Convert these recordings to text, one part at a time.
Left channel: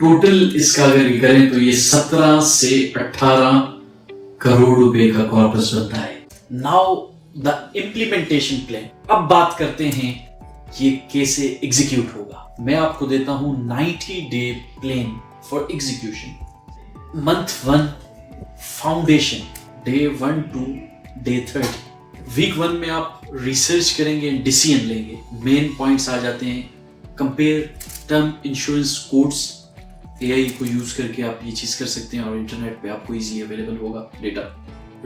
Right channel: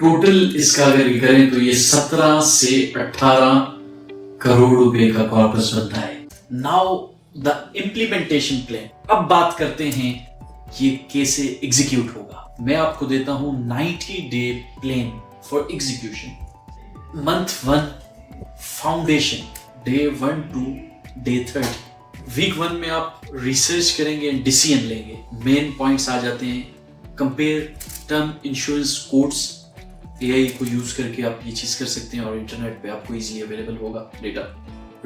Total इसका अगर करें तो ये 17 से 18 करोड़ रुपए का कॉर्पस बनता है। Now the implementation plan. अब बात करते हैं ये कैसे एग्जीक्यूट होगा। मैं आपको देता हूं 90 day plan for execution. Month 1 foundation, day 1 to day 30। Week 1 में आप रिसर्च करेंगे, डिसीजन लेंगे। मेन पॉइंट्स आ जाते हैं। Compare term insurance codes, AI को यूज करके आप ये चीज कर सकते हैं और इंटरनेट पे आपको इजीली अवेलेबल होगा data.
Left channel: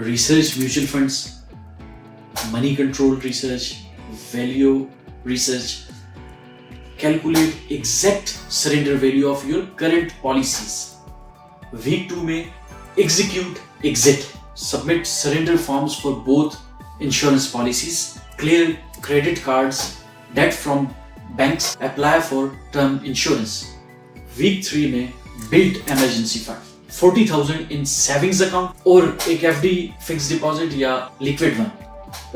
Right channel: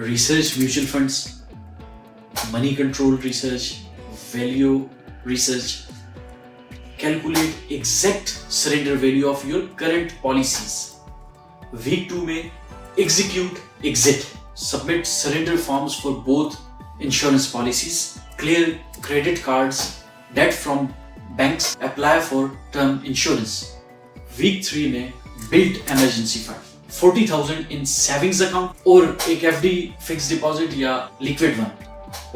Research mutual funds, money control research, value research, calculate exact surrender value of your current policies. Week 2 में execute exit, submit surrender forms for both insurance policies, clear credit cards, debt from banks, apply for term insurance. Week 3 में build emergency fund, 40,000 in savings account और एक FD fixed deposit या liquid one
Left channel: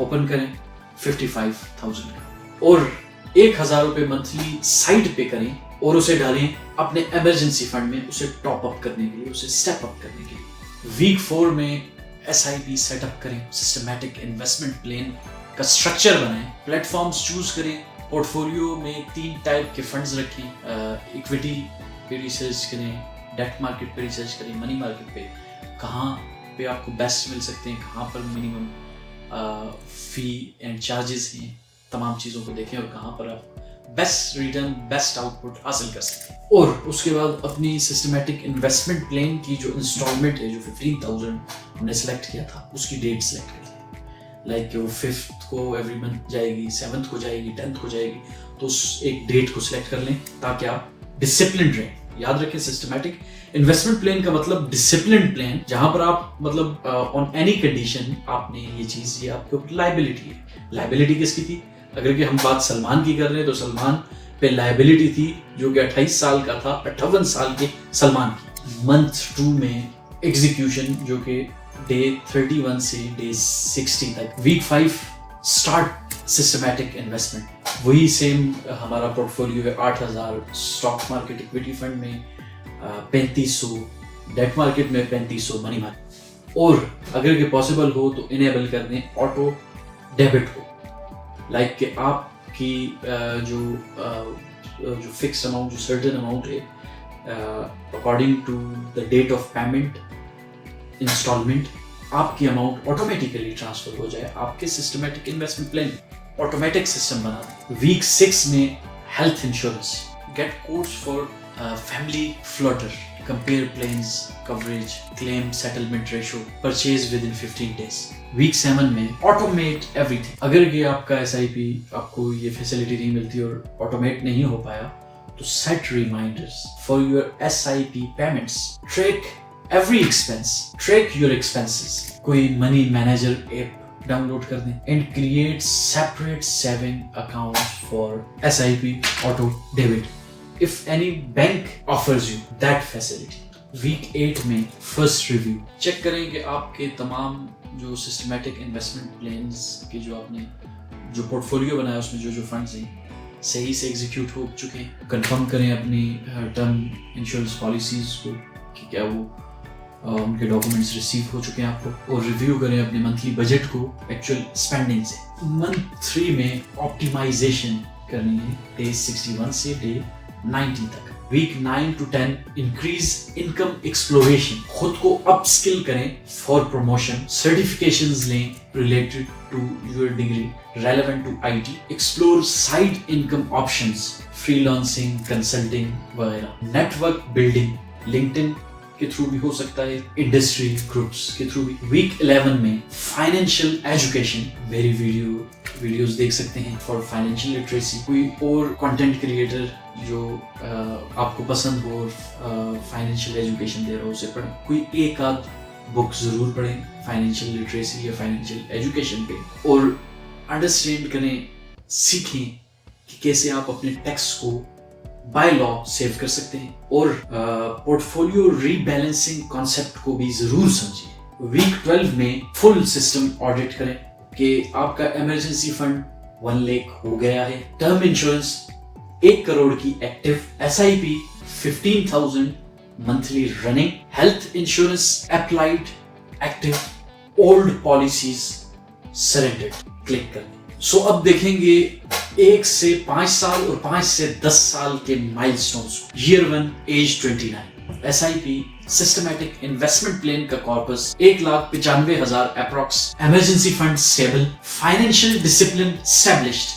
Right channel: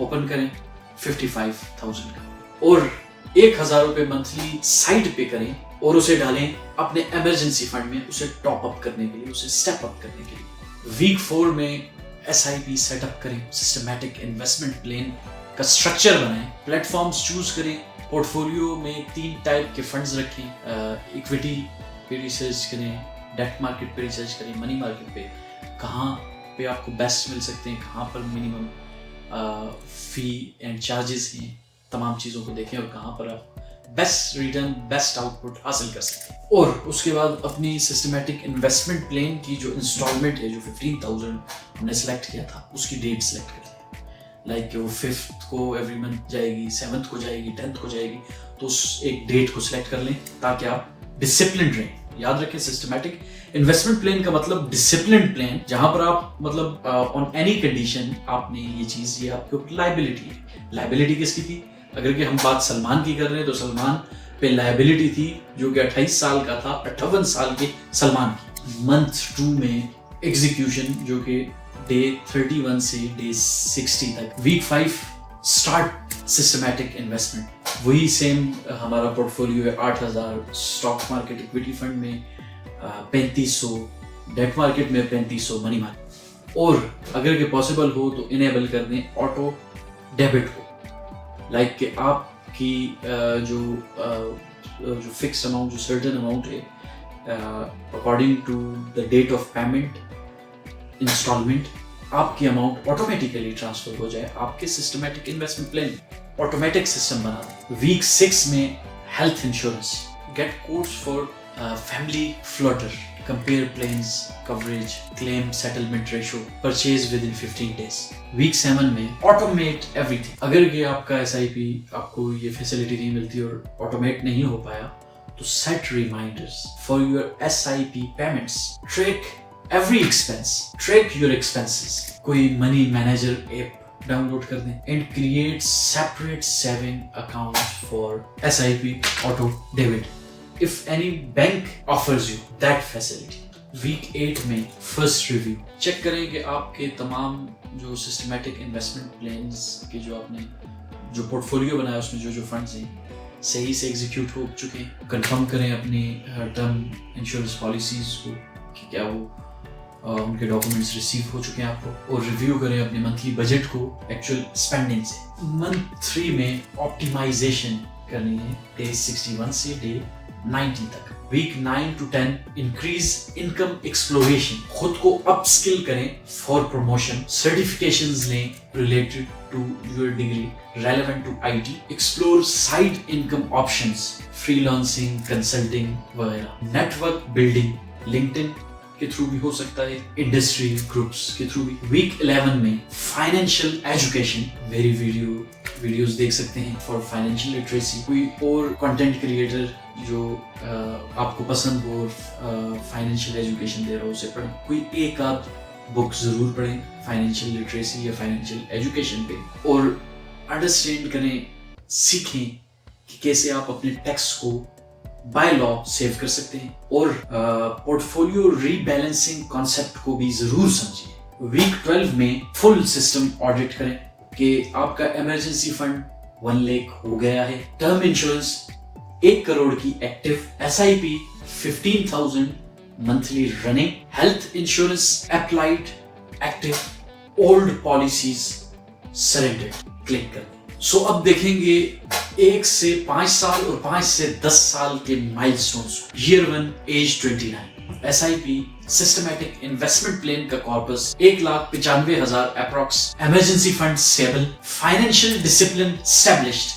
open करें 55,000 और 1,000 रुपए monthly side पे करें और उसे डालें अपने emergency fund में, उसे टॉप अप करने के लिए, उसे स्टेप अप करने के लिए। वीक 4 में SIP सेटअप करें, सिस्टमैटिक इन्वेस्टमेंट प्लान का स्ट्रक्चर बनाएं, प्लेटफॉर्म्स चूज करें, पोर्टफोलियो में 3 टाइप के फंड्स रखें, इक्विटी पे रिसर्च करें, डेट मार्केट पे रिसर्च करें, मनी मार्केट पे कहाँ पे आपको बेस्ट मिल सकते हैं, कहाँ पर मिनिमम फी एंड चार्जेस हैं, तमाम चीज़ों को देखें और कहाँ पर आप बेस्ट रिटर्न, बेस्ट आउटपुट हासिल कर सकते हैं। और उसके बाद अपनी सिस्टमैटिक इन्वेस्टमेंट प्लान की जो इंस्टॉलमेंट है, जो 15,000 हमने सेलेक्ट किया था, उसकी डेट सेलेक्ट की, लाइक वो 5th को एवरी मंथ जाएगी, 7th को जाएगी, 10th को जाएगी, तो एक डेट को सिलेक्ट कर लें ताकि आप डिसिप्लिन रहें। याद रखें, सिस्टमैटिक इन्वेस्टमेंट प्लान का मतलब डिसिप्लिन प्लान, जहां पर आप मतलब ऑन एनी कंडीशन आपने ये चीज, ये आपके लायबिलिटी है। लायबिलिटी किसकी थी? अगर कि हम बात सलमान की कर रहे हैं तो सलमान पे लायबिलिटी थी जो कि 28 साल का था, 58 साल के सलमान की। मंथ 2 में एग्जीक्यूशन जो कि डे 31 से डे 60 तक। वीक 5 स्टार्ट सिस्टमैटिक इन्वेस्टमेंट, वही सेम हमारा पोर्टफोलियो है 8,000 स्टॉक मार्केट इक्विटी फंड में, 3500 डेट मार्केट में, 3500 मनी मार्केट। और अगर ये पॉसिबल हो तो इनेबल कर दें ऑटो डेबिट को, लाइक कि आपकी जो फिक्स अमाउंट, जो सर्टेन अमाउंट है, according to the date of payment instalment, आपकी अमाउंट ऑटोमेटिकली ट्रांसफर हो जाए आपके systematic investment plan. Automatic system बना। वीक 6 में health insurance, get course for family floater, compare plans, coverage, claim settlement ratio, purchase within 15 days। Week 7 में automate everything. अगर ये आपका SIP आपको ये फैसिलिटी नहीं मिलती और ऑटोमेट नहीं हो पाया तो set reminders for your SIP payments, track every expense, track your expenses. कोई मनी मैनेजर ऐप डाउनलोड कर दें and create separate saving account for SIP auto debit if any bank offers you that facility। Week 8 में first review check करें कि आपके तमाम जो systematic investment plans के जो आपने जो पोर्टफोलियो बनाया उसमें जो फंड्स हैं सही से एग्जीक्यूट हो चुके हैं। कंफर्म करें अपने टर्म इंश्योरेंस पॉलिसीज को कि क्या वो उनके डॉक्यूमेंट्स रिसीव हो चुके हैं आपको, और रिव्यू करें अपने मंथली बजट को एक्चुअल स्पेंडिंग से। मंथ 3 में ऑप्टिमाइजेशन करनी है, डे 61 से डे 90 तक। Week 9 to 10 increase income exploration, खुद को अपस्किल करें फॉर प्रमोशन, सर्टिफिकेशंस लें related to your degree relevant to IT, explore side income options, freelancing, consulting वगैरह। नेटवर्क बिल्डिंग, लिंक्डइन के थ्रू भी हो सकता है, इंडस्ट्री ग्रुप्स के थ्रू भी। वीक 11 में फाइनेंशियल एजुकेशन, मेरी वीडियोस देख सकते हैं फॉर फाइनेंशियल लिटरेसी। कोई और कंटेंट क्रिएटर जो आपको पसंद हो फाइनेंशियल एजुकेशन दे रहा हो उसे पढ़ें। कोई एक आध बुक जरूर पढ़ें फाइनेंशियल लिटरेसी या फाइनेंशियल एजुकेशन पे, और अंडरस्टैंड करें, सीखें कि कैसे आप अपने टैक्स को बाय लॉ सेव कर सकते हैं, और पोर्टफोलियो रीबैलेंसिंग कॉन्सेप्ट को भी जरूर समझिए। वीक 12 में फुल सिस्टम ऑडिट करें कि आपका इमरजेंसी फंड 1 लाख हो गया है, टर्म इंश्योरेंस 1 करोड़ की active, SIP 15,000 monthly running, health insurance applied, active, old policies surrendered. Click कर दो। सो अब देखेंगे 1 से 5 साल और 5 से 10 साल के milestones. Year 1 age 29, SIP systematic investment plan का corpus 1,95,000 approx, emergency fund stable, financial discipline established,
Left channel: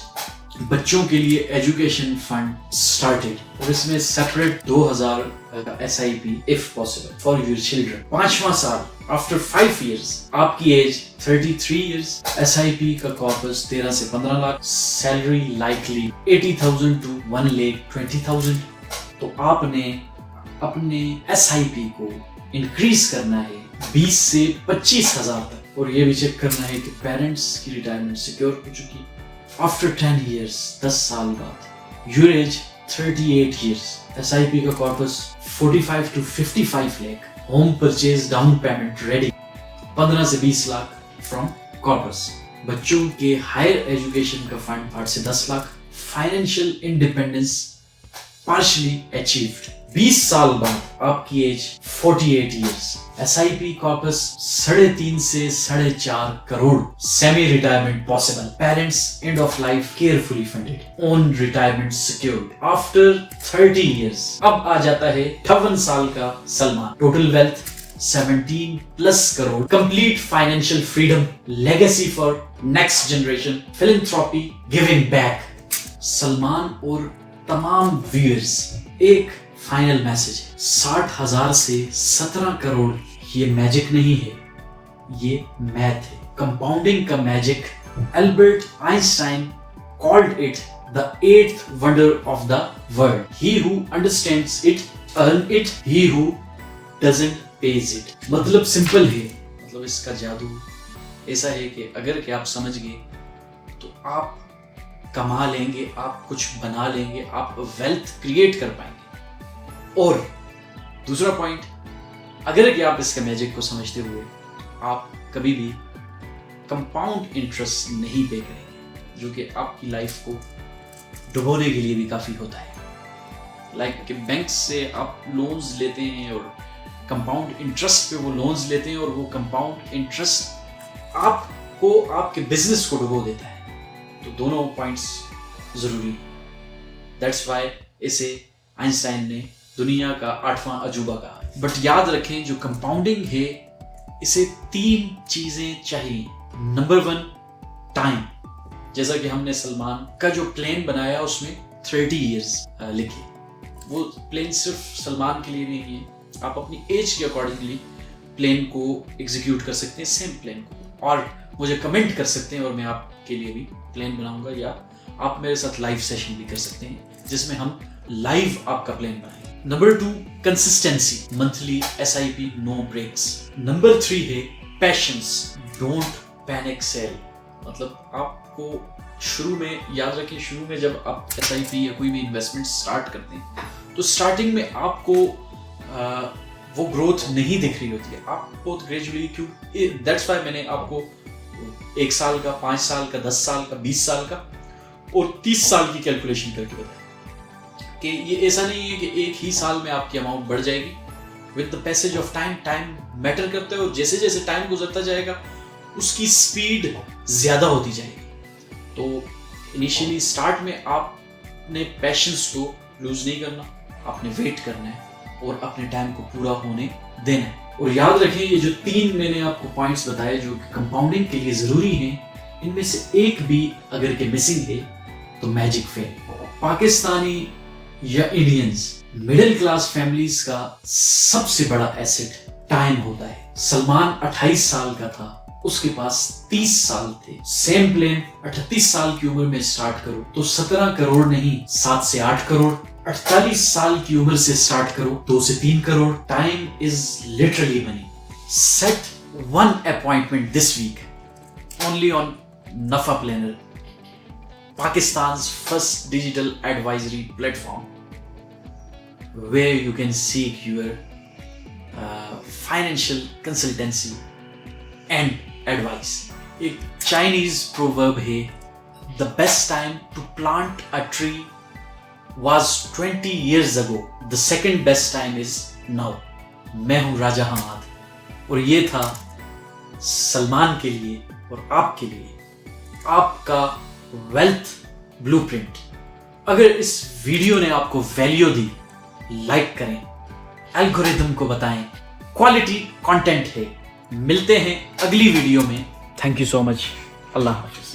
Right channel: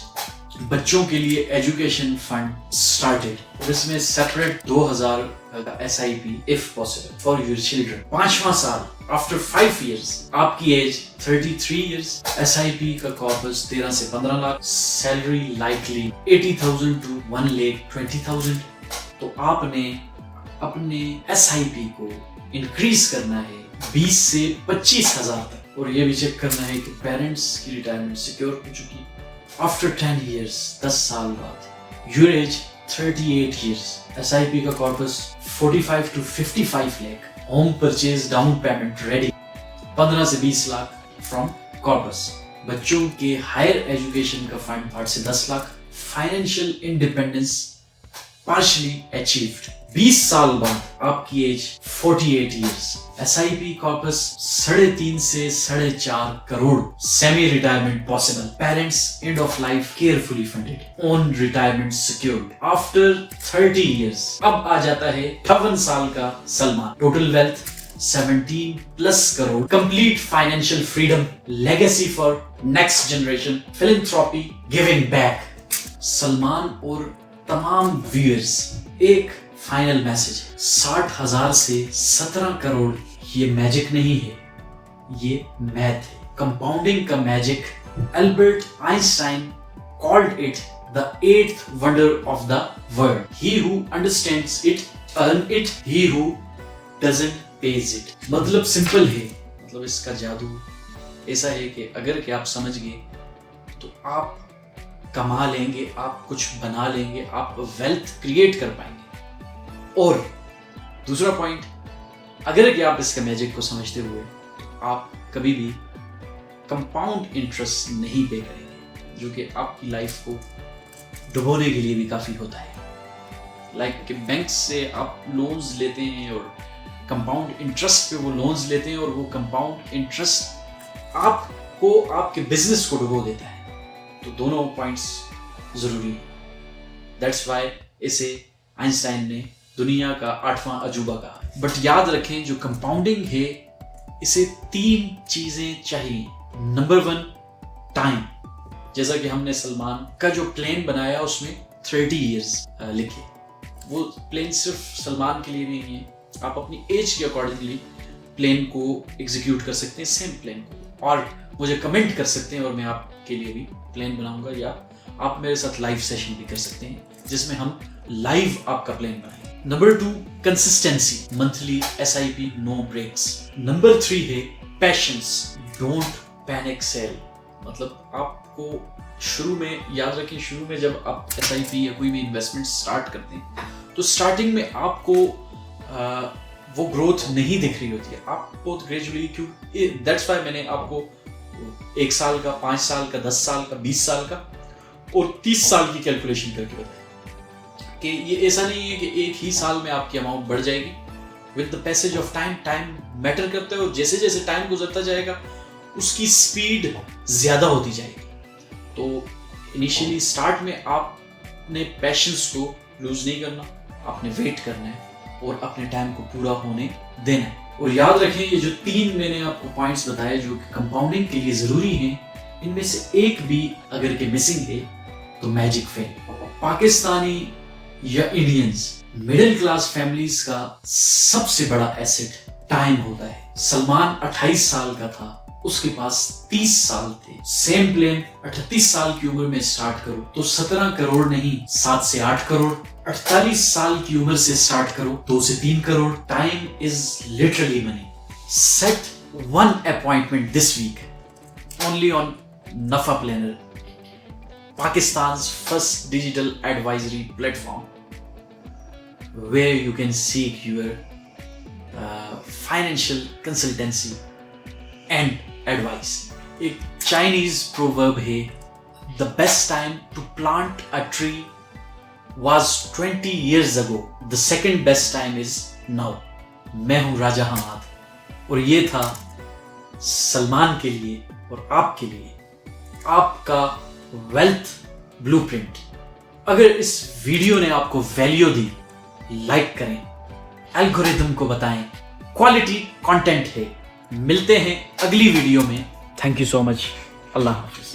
बच्चों के लिए एजुकेशन फंड स्टार्टेड और इसमें सेपरेट 2,000 का SIP if possible for your children. 5वां साल आफ्टर 5 years, आपकी एज 33 years, SIP का कॉर्पस 13 से 15 लाख, सैलरी लाइकली 80,000 to 1,20,000। तो आपने अपने SIP को इंक्रीज करना है 20 से 25,000 तक और ये भी चेक करना है कि पेरेंट्स की रिटायरमेंट सिक्योर हो चुकी। आफ्टर 10 years, 10 साल बाद, योर एज 38 years, SIP का corpus 45 to 55 lakh, home purchase down payment ready, 15 से 20 लाख फ्रॉम कॉर्पस, बच्चों के हायर एजुकेशन का फंड 8 से 10 lakh, financial independence partially achieved. 20 साल बाद आपकी एज 48 years, SIP कॉर्पस 3.5 से 4.5 crore, semi retirement possible, parents end of life carefully funded, own retirement secured after 30 years। अब आ जाता है 58 साल का Salman, total wealth 17+ crore, complete financial freedom, legacy for next generation, philanthropy, giving back. Salman और तमाम व्यूअर्स, एक final message है, 60,000 से 17 करोड़ ये मैजिक नहीं है, ये मैथ है, कंपाउंडिंग का magic. Albert Einstein called it the 8th wonder of the world. He who understands it earn it, he who doesn't pays it. मतलब सिंपल है, मतलब इसका जादू ऐसा है कि अगर कि आप समझ गए तो आप कमा लेंगे, आप कुछ बना लेंगे, आप वेल्थ क्रिएट कर पाएंगे। और दूसरा पॉइंट, अगर कि आप इसके मैजिक को समझते हुए आप कभी भी कंपाउंड इंटरेस्ट नहीं देते, जो कि आपकी लाइफ को डुबोने के लिए भी काफी होता है। लाइक कि बैंक से आप लोन्स लेते हैं और कंपाउंड इंटरेस्ट पे वो लोन्स लेते हैं और वो कंपाउंड इंटरेस्ट आपको आपके बिजनेस को डुबो देता है। तो दोनों पॉइंट्स जरूरी है। दैट्स व्हाई इसे आइंस्टाइन ने दुनिया का 8वां अजूबा कहा। बट याद रखें, जो कंपाउंडिंग है इसे 3 चीजें चाहिए। Number 1, time. जैसा कि हमने सलमान का जो प्लान बनाया उसमें 30 years लिखे, वो प्लान सिर्फ सलमान के लिए नहीं है, आप अपनी एज के अकॉर्डिंगली प्लान को एग्जीक्यूट कर सकते हैं, सेम प्लान को, और मुझे कमेंट कर सकते हैं और मैं आपके लिए भी प्लान बनाऊंगा, या आप मेरे साथ लाइव सेशन भी कर सकते हैं जिसमें हम लाइव आपका प्लान बनाएंगे। Number 2, consistency, monthly SIP, no breaks. Number 3 है पैशंस, डोंट पैनिक सेल। मतलब आपको शुरू में याद रखिए, शुरू में जब आप SIP या कोई भी इन्वेस्टमेंट स्टार्ट करते हैं तो स्टार्टिंग में आपको वो ग्रोथ नहीं दिख रही होती है, आप बहुत ग्रेजुअली, क्यों, दैट्स व्हाई मैंने आपको 1 साल का, 5 साल का, 10 साल का, 20 साल का और 30 साल की कैलकुलेशन करके कि ये ऐसा नहीं है कि एक ही साल में आपकी अमाउंट बढ़ जाएगी। With the passage of time, time matter करता है और जैसे जैसे टाइम गुजरता जाएगा उसकी स्पीड ज्यादा होती जाएगी। तो इनिशियली स्टार्ट में आपने पैशंस को लूज नहीं करना, अपने वेट करना है और अपने टाइम को पूरा होने देना है। और याद रखें, ये जो 3 मैंने आपको पॉइंट्स बताए जो कि कंपाउंडिंग के लिए जरूरी हैं, इनमें से एक भी अगर के मिसिंग है तो मैजिक फेल। पाकिस्तानी या इंडियंस मिडिल क्लास फैमिलीज का सबसे बड़ा एसेट टाइम होता है। सलमान 28 साल का था, उसके पास 30 साल थे। सेम प्लान 38 साल की उम्र में स्टार्ट करो तो 17 करोड़ नहीं, 7 से 8 करोड़। 48 साल की उम्र से स्टार्ट करो 2 से 3 crore. Time is literally money. Set 1 appointment this week only on Nafa Planner, Pakistan's first digital advisory platform where you can seek your financial consultancy and advice. एक Chinese proverb है, the best time to plant a tree was 20 years ago. The second best time is now. मैं हूं राजा हमाद और ये था सलमान के लिए और आपके लिए आपका वेल्थ ब्लूप्रिंट। अगर इस वीडियो ने आपको वैल्यू दी, लाइक करें, एल्गोरिथम को बताएं, क्वालिटी कंटेंट है। मिलते हैं अगली वीडियो में। Thank you so much. Allah Hafiz.